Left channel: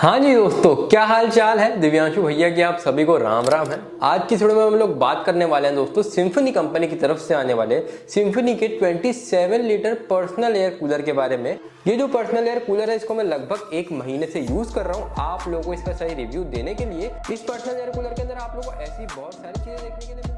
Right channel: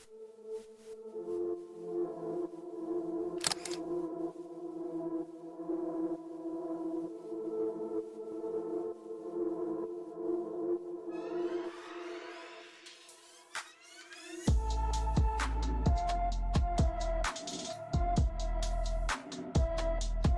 हाँ जी दोस्तों, क्या हाल चाल है। दिव्यांशु भैया की आप सभी को राम राम है। आज की वीडियो में हम लोग बात करने वाले हैं दोस्तों सिम्फनी कंपनी की तरफ से आने वाले सिम्फनी के 27 लीटर पर्सनल एयर कूलर के बारे में। ये जो पर्सनल एयर कूलर है इसको मैं लगभग 1 महीने से यूज कर रहा हूँ आप लोगों को इसका सही रिव्यू देने के लिए। इस पर्सनल एयर कूलर के अंदर आप लोगों को ऐसी बहुत सारी चीजें देखने के लिए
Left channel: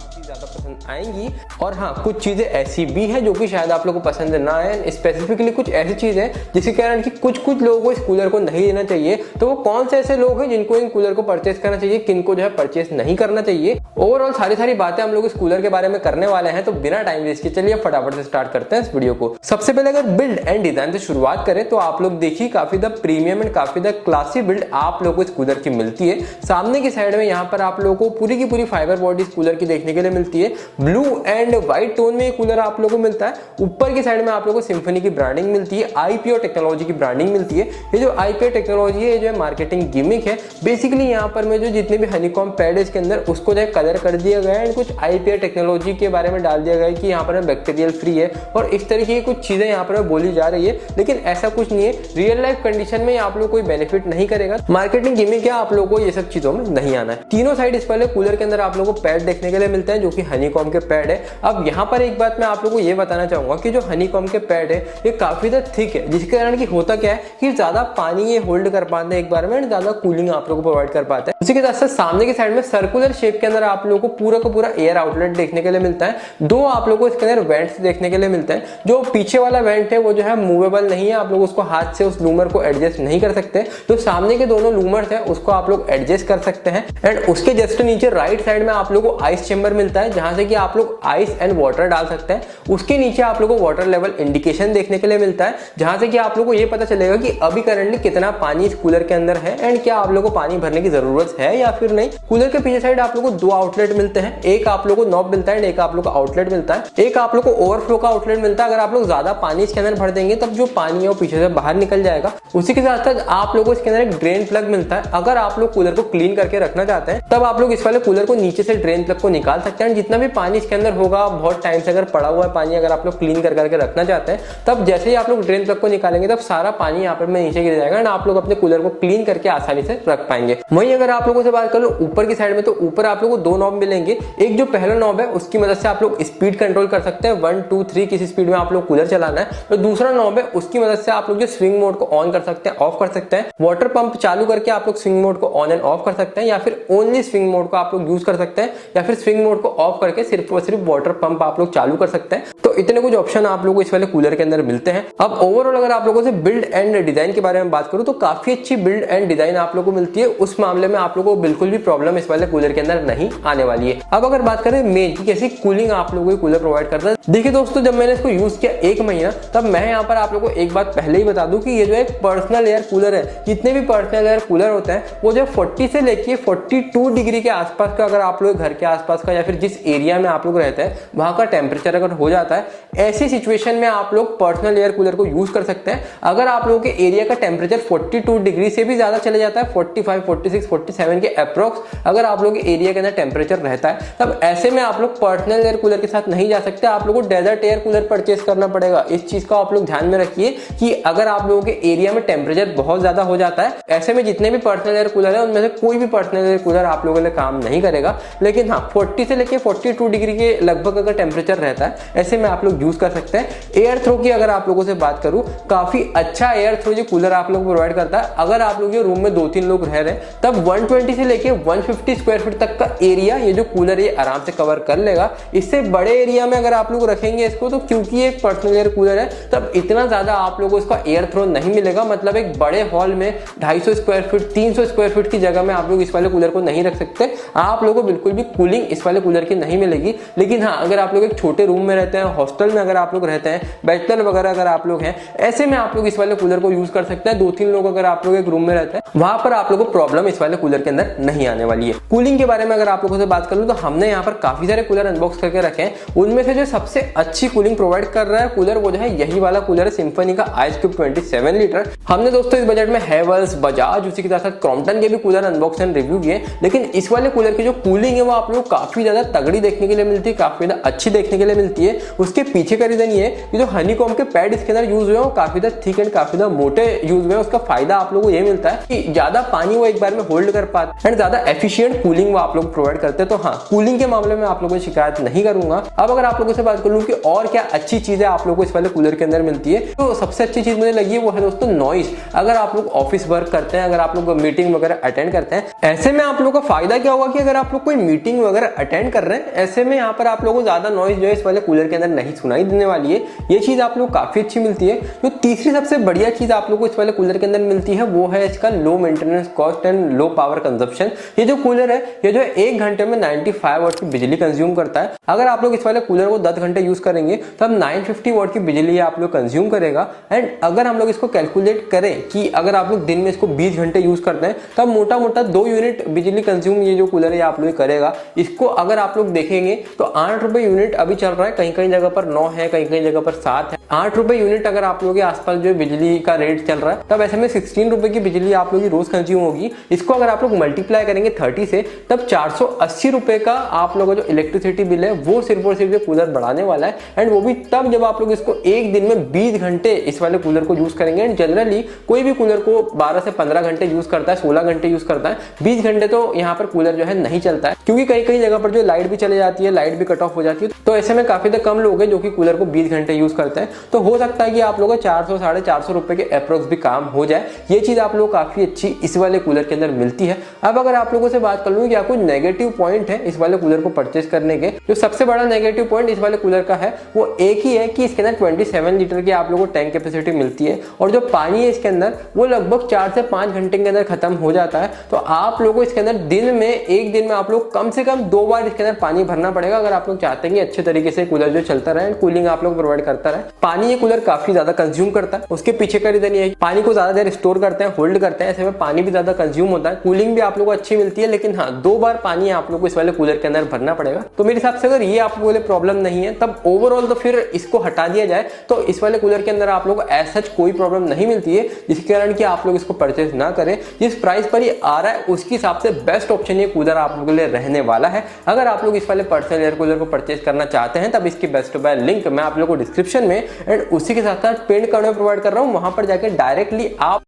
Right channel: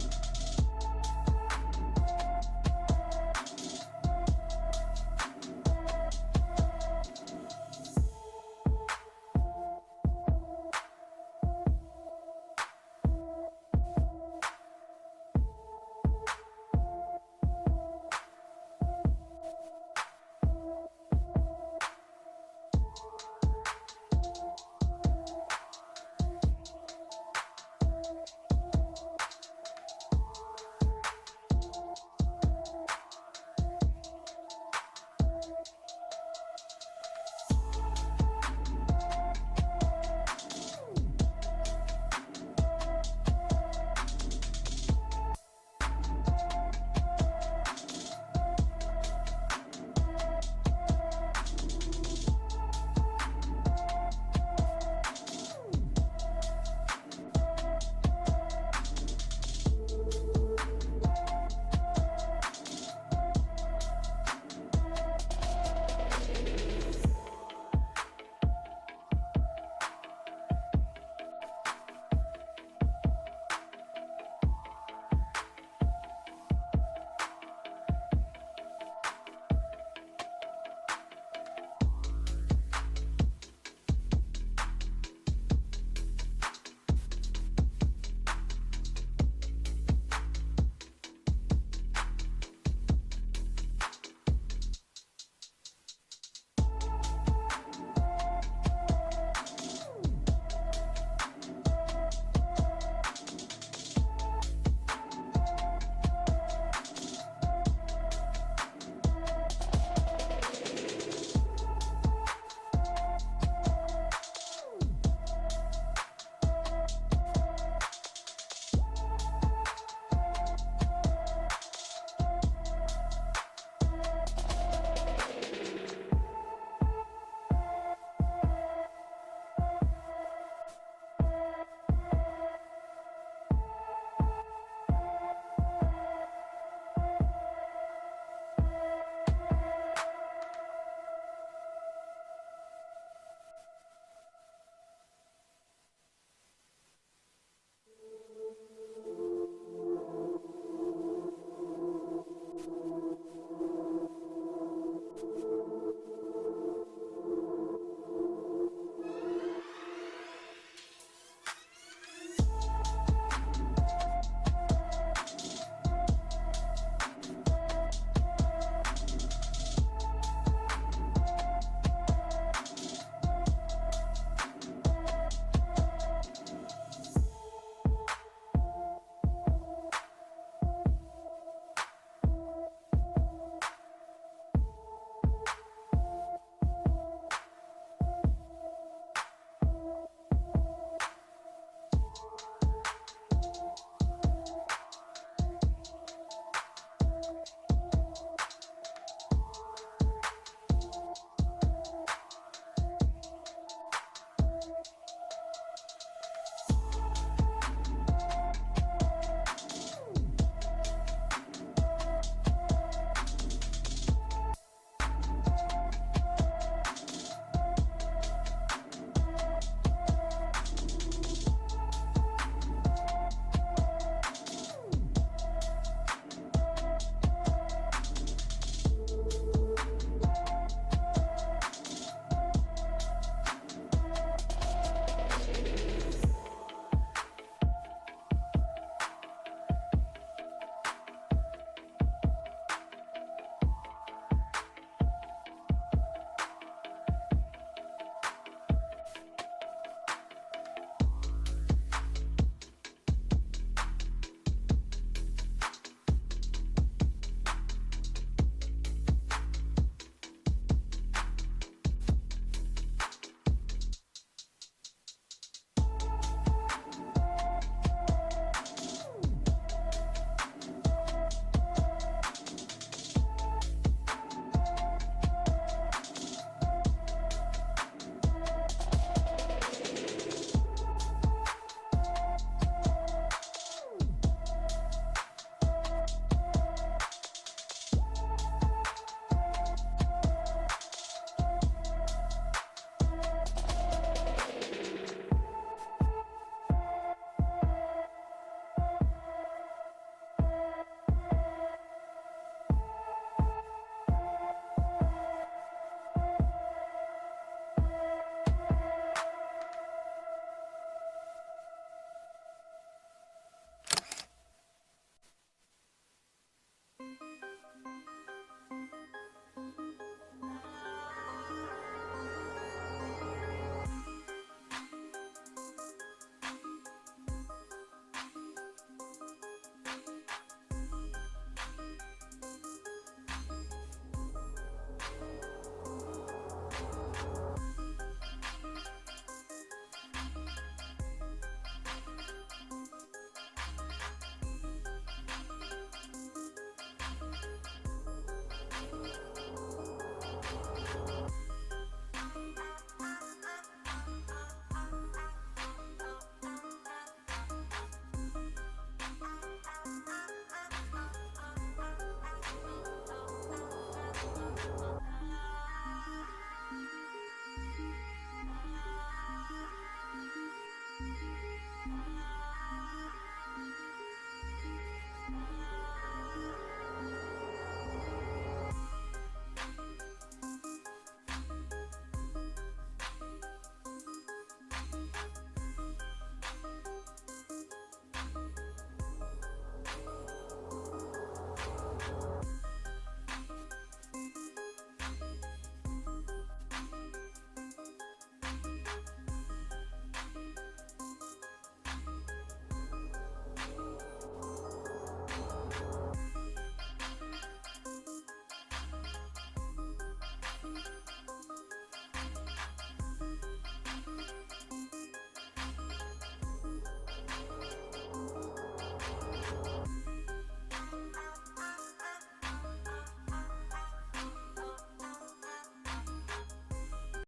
काफी ज्यादा पसंद आएंगी, और हाँ कुछ चीजें ऐसी भी हैं जो कि शायद आप लोगों को पसंद ना आए। स्पेसिफिकली कुछ ऐसी चीजें जिसके कारण कि कुछ लोगों को इस कूलर को नहीं लेना चाहिए। तो वो कौन से ऐसे लोग हैं जिनको इन कूलर को परचेस करना चाहिए, किनको जो है परचेस नहीं करना चाहिए। ओवरऑल सारी बातें हम लोग इस कूलर के बारे में करने वाले हैं। तो बिना टाइम वेस्ट के चलिए फटाफट से स्टार्ट करते हैं इस वीडियो को। सबसे पहले अगर बिल्ड एंड डिजाइन से शुरुआत करें तो आप लोग देखिए काफी द प्रीमियम एंड काफी द क्लासी बिल्ड आप लोगों को इस कूलर की मिलती है। सामने की साइड में यहाँ पर आप लोगों को पूरी की पूरी फाइबर बॉडी इस कूलर की देखने के लिए मिलती है। ब्लू एंड व्हाइट टोन में ये कूलर आप लोगों को मिलता है। ऊपर की साइड में आप लोगों को सिम्फनी की ब्रांडिंग मिलती है, आईपीओ टेक्नोलॉजी की ब्रांडिंग मिलती है। ये जो आईपीओ टेक्नोलॉजी है जो है मार्केटिंग गिमिक है। बेसिकली यहाँ पर मैं जो जितने भी हनीकॉम पैड है इसके अंदर उसको जो है कलर कर दिया गया है, कुछ आईपीओ टेक्नोलॉजी के बारे में डाल दिया गया है कि यहाँ पर बैक्टीरियल फ्री है और इस तरीके की कुछ चीजें यहाँ पर बोली जा रही है। लेकिन ऐसा कुछ नहीं है, रियल लाइफ कंडीशन में आप लोग कोई बेनिफिट नहीं करेगा। मार्केटिंग गिमिक है, आप लोगों को ये सब चीजों में नहीं आना है। तीनों साइड इस वाले कूलर के अंदर आप लोगों को पैड देखने के लिए मिलते हैं जो कि हनीकॉम के पैड है। अब यहाँ पर एक बात मैं आप लोगों को ये बताना चाहूंगा कि जो हनीकॉम के पैड है ये काफी ज्यादा थिक है, जिसके कारण कि होता क्या है कि ज्यादा पानी ये होल्ड कर पाते हैं एक बार में, ज्यादा कूलिंग आप लोगों को प्रोवाइड कर पाते हैं। उसी के साथ साथ सामने की साइड में सर्कुलर शेप के अंदर आप लोगों को पूरा का पूरा एयर आउटलेट देखने के लिए मिलता है। दो आप लोगों को इसके अंदर वेंट्स देखने के लिए मिलते हैं। जो पीछे वाला वेंट है वो जो है मूवेबल नहीं है, आप लोग उसको हाथ से उस लूमर को एडजस्ट नहीं कर सकते। तो सामने के दोनों लूमर्स है उसको आप लोग एडजस्ट कर सकते हैं। एंड उसके जस्ट नीचे राइट साइड में आप लोग को आइस चेंबर मिलता है जहां से कि आप लोग आइस एंड वाटर डाल सकते हैं। उसके नीचे आप लोगों को वाटर लेवल इंडिकेशन देखने के लिए मिलता है जहां से कि आप लोगों को ये पता चलेगा कि अभी करंटली कितना पानी इस कूलर के अंदर है एंड क्या आप लोगों को पानी भरने की जरूरत है या फिर नहीं। कूलर के पीछे साइड आप लोगों को 2 आउटलेट मिलते हैं, एक आप लोगों को नॉब मिलता है, एक आप लोगों को आउटलेट मिलता है। एक आप लोगों को ओवरफ्लो का आउटलेट मिलता है, अगर आप लोग ज्यादा पानी इसके अंदर भर देंगे तब जो पानी है वो पीछे से बाहर निकल जाएगा। उसी के साथ साथ आप लोगों को इसके अंदर एक ड्रेन प्लग मिलता है। अगर आप लोग कूलर को क्लीन करके रखना चाहते हैं तब आप लोग इस वाले कूलर को नीचे से ड्रेन प्लग को निकाल सकते हैं। जितना भी पानी इसके अंदर होगा बहुत टाइम से अगर पड़ा हुआ है पानी, अगर आप लोग क्लीन करके रखना चाहते हैं तब जैसे ही आप लोग ड्रेन प्लग को निकालेंगे तब सारा पानी यहाँ पर नीचे गिर जाएगा एंड आप लोग अपने कूलर को क्लीन करके आसानी से रख पाएंगे। वहीं अगर आप लोगों से बात करो ऊपर की साइड में तो ऊपर आप लोगों को 2 नॉब मिलेंगे। एक जो पहला नॉब है उसकी मदद से आप लोग स्पीड कंट्रोल कर सकते हैं, 1 2 3 किस स्पीड में आप लोग कूलर चलाना है। और दूसरा नॉब है उसकी मदद से आप लोग जो स्विंग मोड को ऑन कर सकते हैं, ऑफ कर सकते हैं। वाटर पंप चालू करके आप लोग स्विंग मोड को ऑन एंड ऑफ कर सकते हैं या फिर ओनली स्विंग मोड को आप लोग यूज कर सकते हैं या फिर स्विंग मोड को ऑफ करके सिर्फ और सिर्फ वाटर पंप आप लोग चालू कर सकते हैं। तो इतने कुछ ऑप्शन आप लोग को इस वाले कूलर के अंदर मिलते हैं। अब ओवरऑल अगर आप लोगों से बिल्ड एंड डिजाइन के बारे में बात करूं तो काफी अच्छी बिल्ड एंड डिजाइन आप लोगों को मिलती है। उस मामले में आप लोगों को बिल्कुल भी प्रॉब्लम इस वाले कूलर के अंदर नहीं आने वाली है। अब अगर बात करें मेन की कैसी कूलिंग आप लोगों को कूलर प्रोवाइड करता है, देखिए दोस्तों जब मैंने इसको यूज किया 1 महीना तब मैं यहाँ पर आप लोगों को एक बात पहले ही बता दूं कि ये जो एक पर्सनल एयर कूलर है, जितने भी पर्सनल एयर कूलर होते हैं वो जो 40 से लेके 42 डिग्री के आसपास का, अगर आप लोग घर के आसपास का या फिर जिस एरिया में आप लोग रहते हैं वहां का टेम्परेचर अगर हो जाता है, ऐसी सिचुएशन में आप लोग पर्सनल एयर कूलर को यूज कर सकते हैं। अगर आप लोगों के एरिया का टेम्परेचर 42 डिग्री से भी ज्यादा चले जाता है, 45 46 47 के अप्रोक्स अगर आप लोग के एरिया के अंदर टेम्परेचर रहता है तब ऐसे में आप लोग पर्सनल एयर कूलर के साथ नहीं जा सकते। आप लोगों को डेजर्ट एयर कूलर परचेस करना पड़ेगा। इस चीज का आप लोग ध्यान में रखिए कि अगर आप लोगों के एरिया में टेम्परेचर बहुत ज्यादा हो जाता है, ऐसे में जितने भी पर्सनल एयर कूलर है उनमें से कोई भी पर्सनल एयर कूलर आप लोगों के लिए काम नहीं करेगा। लेकिन हाँ 40 से लेके 42 डिग्री के लगभग अगर टेम्परेचर रहता है ऐसे में आप लोग यूज कर सकते हैं। एयर थ्रो की अगर आप लोगों से बात करूं, काफी अच्छा एयर थ्रो ये कूलर आप लोग प्रोवाइड करता है। अगर आप लोग ये रूम में 2-3 लोग रह रहे हैं तब 120 से लेके 150 स्क्वायर फीट तक का एरिया ये जो कूलर ये आराम से कवर कर लेगा। इससे बड़े एरिया में अगर आप लोग रखेंगे इसको तो क्योंकि ये एक पर्सनल एयर कूलर है तब इतना ज्यादा आप लोगों को इसका एयर थ्रो नहीं मिलेगा। मतलब एक बड़े हॉल में 250 स्क्वायर फीट 300 स्क्वायर फीट की जगह में आप लोग इस वाले कूलर को नहीं रख सकते। आप लोगों को बिल्कुल भी कूलिंग इस वाले कूलर की नहीं मिलेगी। लेकिन हाँ अगर आप लोग एक छोटे रूम में रहते हैं, हॉस्टल में अगर आप लोग रहते हैं, बैचलर वगैरह अगर आप लोग हैं, ऐसे में आप लोग इस वाले कूलर को यूज कर सकते हैं। 2-3 लोग अगर आप लोग एक रूम में रहते हैं वहां पर आप लोग को प्रॉब्लम इस वाले कूलर के अंदर नहीं आने वाली है। कूलिंग के बारे में अगर आप लोग लोगों से बात कर लूँ तो हमने यहाँ पर काफी सारे कूलर अनबॉक्स करके रखे हैं। उनमें से जो सबसे अच्छी कूलिंग प्रोवाइड कर रहा है कूलर वो जो है यही वाला कूलर है, सिम्फनी का आइस क्यूब 27 लीटर। हमने दोस्तों इस बजट में हैवेल्स, बजाज, उसी के साथ साथ क्रॉम्पटन के भी कूलर अनबॉक्स एंड रिव्यू किए, लेकिन इस वाले कूलर की जो कूलिंग है वो आप लोग काफी ज्यादा तगड़ी देखने के लिए मिलती है, काफी ज्यादा अच्छी देखने के लिए मिलती है। उसके पीछे का रीजन ये है कि जो हनीकॉम के पैड इसके अंदर यूज हुए हैं वो काफी ज्यादा थिक एंड काफी ज्यादा मोटे यूज हुए हैं। उसका फायदा आप लोगों को ये मिलता है कि ज्यादा पानी वो एक बार में होल्ड कर पाते एंड ज्यादा एफिशिएंट कूलिंग वो आप लोग प्रोवाइड करते हैं। तो हाँ, कूलिंग के मामले में आप लोगों को शिकायत नहीं करूंगा। अब अगर आप लोगों से बात कर लूं कि और क्या अच्छी चीजें आप लोगों को इस वाले कूलर के अंदर मिलती है, तो सबसे अच्छी चीज मुझे लगी है वो है दोस्तों नॉइस। अगर आप लोग ऑफिस वर्क करते हैं, अगर आप लोग मीटिंग वगैरह अटेंड करते हैं, ऐसे में आप लोगों का फायदा क्या होगा कि अगर आप लोग कोई मीटिंग वगैरह अटेंड कर रहे हैं, ऐसे में यहाँ पर आप लोगों को ज्यादा नॉइस जो है इस वाले कूलर के अंदर नहीं सुनाई देने वाली है। ये चीज आप लोग काफी अच्छी मिलती है। जो तीसरी सबसे बढ़िया चीज आप लोग को इस वाले कूलर के अंदर मिलती है वो है इसका low maintenance cost and low power consumption. ये जो कूलर है ये जो है 1 घंटे में 95 वाट की बिजली कंज्यूम करता है। अगर आप लोग इस वाले कूलर को 10 घंटे यूज करेंगे तो अब 950 वाट की बिजली आप लोग कंज्यूम करेगा। एंड अगर हम लोग इसको कैलकुलेट करें कि अगर आप लोग दिन में इसको 20 घंटे यूज करते हैं तब मोटा मोटा 2 यूनिट बिजली कंज्यूम ये जो कूलर है आप लोग करेगा। इसको अगर आप लोग देखेंगे तो 8 रुपए यूनिट अभी चल रहा है, कहीं कहीं जगह पर 9 है, कहीं कहीं जगह पर 7 है। 8 रुपए यूनिट अगर आप लोगों के आसपास जो बिजली का रेट चल रहा है तब ऐसे में 16 रुपए की बिजली आप लोग की रोज कंज्यूम होगी। इसको अगर आप लोग मल्टीप्लाई करेंगे 30 से तब 480 रुपए का आप लोगों का जो इलेक्ट्रिसिटी बिल है वो सिर्फ और सिर्फ कूलर बढ़ाने वाला है। एंड वो भी तब जब आप लोग इसको एक दिन में 20 घंटे इस वाले कूलर को यूज करेंगे। एंड जनरली कोई भी कूलर को 12 से 15 घंटे यूज करता है, 16 घंटे यूज करता है, 20 घंटे तो यहाँ पर कूलर जो है नहीं चलता है, क्योंकि कई कई जगह पर जो लाइट भी चले जाती है, लाइट भी कट ऑफ हो जाती है। तो ऐसे में काफी कम लोग हैं जो कि कूलर को 20 घंटे यूज करते हैं। तो हो सकता है कि आप लोगों को 400 450 रुपए के अप्रोक्स भी काम हो जाए। ये चीज आप लोग काफी अच्छी इस वाले कूलर के अंदर मिलती है। अब अगर आप लोगों से बात कर लूं क्या कोई नेगेटिव पॉइंट है इस वाले कूलर को परचेस करने के, जो सबसे बड़ा नेगेटिव पॉइंट इस वाले कूलर का है वो एक ही है कि इसके अंदर 27 लीटर की आप लोगों को टैंक कैपेसिटी मिलती है और जो पानी है इसके अंदर वो लगभग 4 से 5 घंटे के अंदर खत्म हो जाता है। तो आप लोगों को इसके अंदर एक दिन में आप लोग कम से कम 2 बार इसके अंदर पानी भरना पड़ेगा अगर आप लोग चाहते हैं कि अच्छे तरीके से कूलर जो चलता रहे, कूलिंग आप लोग प्रोवाइड करता रहे। पानी ये कूलर काफी ज्यादा कंज्यूम करता है, उसके पीछे का रीजन ये है पानी को ज्यादा देर स्टोर करते हैं, होल्ड करते हैं, ऐसे में पानी भी ज्यादा कंज्यूम होता है। कूलिंग भी आप लोगों को अच्छी मिलती है, लेकिन हाँ 2 बार पानी आप लोग को इस वाले कूलर के अंदर भरना पड़ेगा। तो मेरे हिसाब से अगर ये आप लोगों को प्रॉब्लम नहीं है तब ओवरऑल तो फिर इसको हटा दिया जाए तो इस वाले कूलर के अंदर आप लोग को ऐसा कोई प्रॉब्लम नहीं मिलती है, जिसके कारण कि आप लोग इसको परचेस ना करें। जिस प्राइस पर ये आ रहा है उसके हिसाब से बेस्ट ऑप्शन ये कूलर आप लोगों के लिए रहने वाला है। अगर आप लोग इस वाले पर्सनल एयर कूलर को परचेस करना चाहते हैं तब इसकी बेस्ट बाय लिंक मैं आप लोगों को डिस्क्रिप्शन में एंड उसी के साथ साथ पिन कार्ड में प्रोवाइड कर रहा हूं, वहां पर जाकर डायरेक्टली आप